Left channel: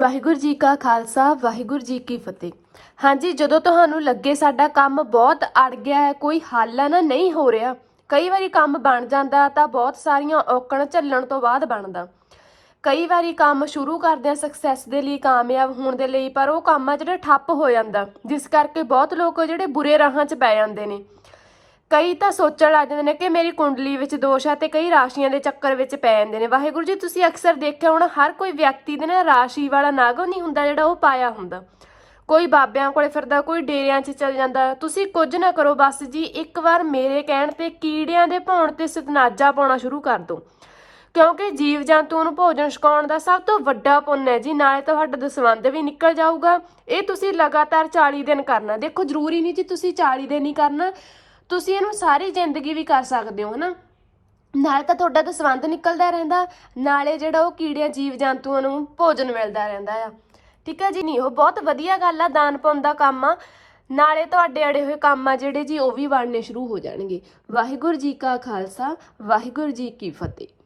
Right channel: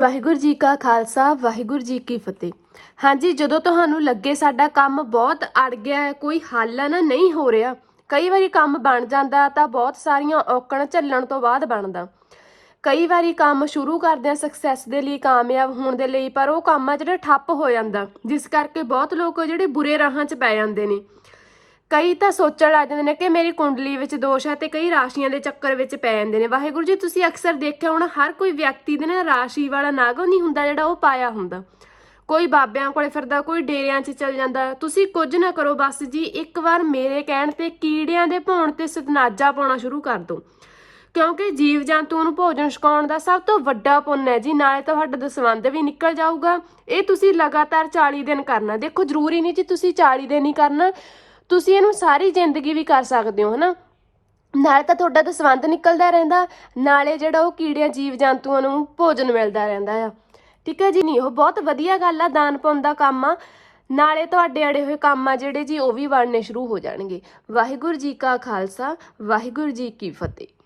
ਵਾਹਿਗੁਰੂ ਜੀ ਕਾ ਖਾਲਸਾ, ਵਾਹਿਗੁਰੂ ਜੀ ਕੀ ਫਤਿਹ। ਹਾਂਜੀ, ਜਦੋਂ ਤੁਹਾਨੂੰ ਲੱਗੇ ਸਾਡਾ ਕੰਮ ਬਹੁਤ ਅੜ ਗਿਆ ਹੈ, ਕੋਈ ਹੱਲ ਹੈ ਨਾ, ਨਹੀਂ ਹੋ ਰਿਹਾ, ਕਈ ਵਾਰੀ ਕੰਮ ਬਣ ਜਾਂਦਾ, ਤਾਂ ਬਹੁਤ ਸਾਰੀਆਂ ਔਕੜ ਝੱਲਣ ਤੋਂ ਬਾਅਦ ਬਣਦਾ। ਕਈ ਵਾਰੀ ਕੰਮ ਸ਼ੁਰੂ ਕਰਦੇ ਸਕਸੈਸ ਦੇ ਲਈ, ਕਾਮਯਾਬ ਹੋਣ ਦੇ ਲਈ, ਪਰ ਉਹ ਕੰਮ ਆ ਜਿਹੜਾ ਠੱਪ ਹੋ ਜਾਂਦਾ, ਜਿਸ ਕਰਕੇ ਬਹੁਤ ਲੋਕ ਜਿਹੜੇ ਬੁਰੇ ਰਾਹਾਂ 'ਚ ਪੈ ਜਾਂਦੇ ਨੇ। ਕਈ ਤਾਂ ਸੋਚਣ ਲੱਗ ਜਾਂਦੇ ਨੇ ਕਿ ਮੇਰੀ ਕੁੰਡਲੀ ਵਿੱਚ ਦੋਸ਼ ਆ ਤੇ ਕਈ ਰਾਸ਼ੀਆਂ ਦੇ ਚੱਕਰ ਵਿੱਚ ਪੈ ਜਾਂਦੇ ਨੇ। ਵਾਹਿਗੁਰੂ ਜੀ, ਤੁਸੀਂ ਅਕਸਰ ਦੇਖਿਆ ਹੋਣਾ, ਹਰ ਕੋਈ ਵਿਅਕਤੀ ਦੇ ਨਾ ਰਾਸ਼ੀ ਵਾਲਾ ਨਾਗ ਨਹੀਂ ਹੁੰਦਾ ਜਿਹੜਾ ਉਹ ਪਾਇਆ ਹੁੰਦਾ। ਕੋਈ ਬਾਬਿਆਂ ਕੋਲੇ ਫਿਰਦਾ, ਕੋਈ ਡੇਰਿਆਂ 'ਚ ਚੱਲ ਜਾਂਦਾ। ਤੁਸੀਂ ਕੁਝ ਨਾ ਕਰੋ, ਬਸ ਜੀ, ਇੱਕ ਵਾਰ ਮੇਰੇ ਕਹਿਣ ਤੇ ਕੀੜਿਆਂ ਦੇ ਭੌਣ ਤੇ ਸਤਨਾਜਾ ਪਾਉਣਾ ਸ਼ੁਰੂ ਕਰ ਦਿਓ। ਕਿਉਂਕਿ ਜੀਵ ਜੰਤੂਆਂ ਨੂੰ ਭੋਜਨ ਛਕਾਉਣ ਦਾ ਸਭ ਤੋਂ ਵੱਡਾ ਪੁੰਨ ਹੈ ਜੀ ਨਾਲੇ ਤੁਹਾਡਾ ਦਸਵੰਧ ਵੀ ਨਿਕਲ ਜਾਊਗਾ। ਇਹ ਤੁਸੀਂ ਲਗਾਤਾਰ 40 ਦਿਨ ਕਰਨਾ। ਦੇਖੋ, ਜ਼ਰੂਰੀ ਨਹੀਂ ਜੀ ਤੁਸੀਂ 40 ਦਿਨ ਹੀ ਕਰਨਾ। ਤੁਸੀਂ ਇਹਨੂੰ ਸਾਰੀ ਜ਼ਿੰਦਗੀ ਵੀ ਕਰ ਸਕਦੇ ਹੋ, ਹਨਾ? ਨਾਲੇ ਤਾਂ ਤੁਹਾਡਾ ਤਾਂ ਸੰਬੰਧ ਨਿਕਲਦਾ ਰਹਿੰਦਾ, ਨਾਲੇ ਜਿਹੜਾ ਉਹ ਕੀੜਿਆਂ ਜੀਵ ਜੰਤੂਆਂ ਨੂੰ ਭੋਜਨ ਮਿਲਦਾ ਰਹਿੰਦਾ ਆ। ਠੀਕ ਹੈ ਜੀ? ਨਹੀਂ, ਉਹ ਬਹੁਤ ਵਧੀਆ ਗੱਲ ਆ, ਦਾਨ ਪਾਉਣ ਦਾ ਕੰਮ ਆ। ਨਾਲੇ ਤੁਹਾਡੇ ਅੜੇ ਹੋਏ ਕੰਮ ਆ ਜਿਹੜੇ ਜੀ, ਉਹ ਵੀ ਬਣਨੇ ਸ਼ੁਰੂ ਹੋ ਜਾਣਗੇ। ਵਾਹਿਗੁਰੂ ਜੀ ਕਾ ਖਾਲਸਾ, ਵਾਹਿਗੁਰੂ ਜੀ ਕੀ ਫਤਿਹ।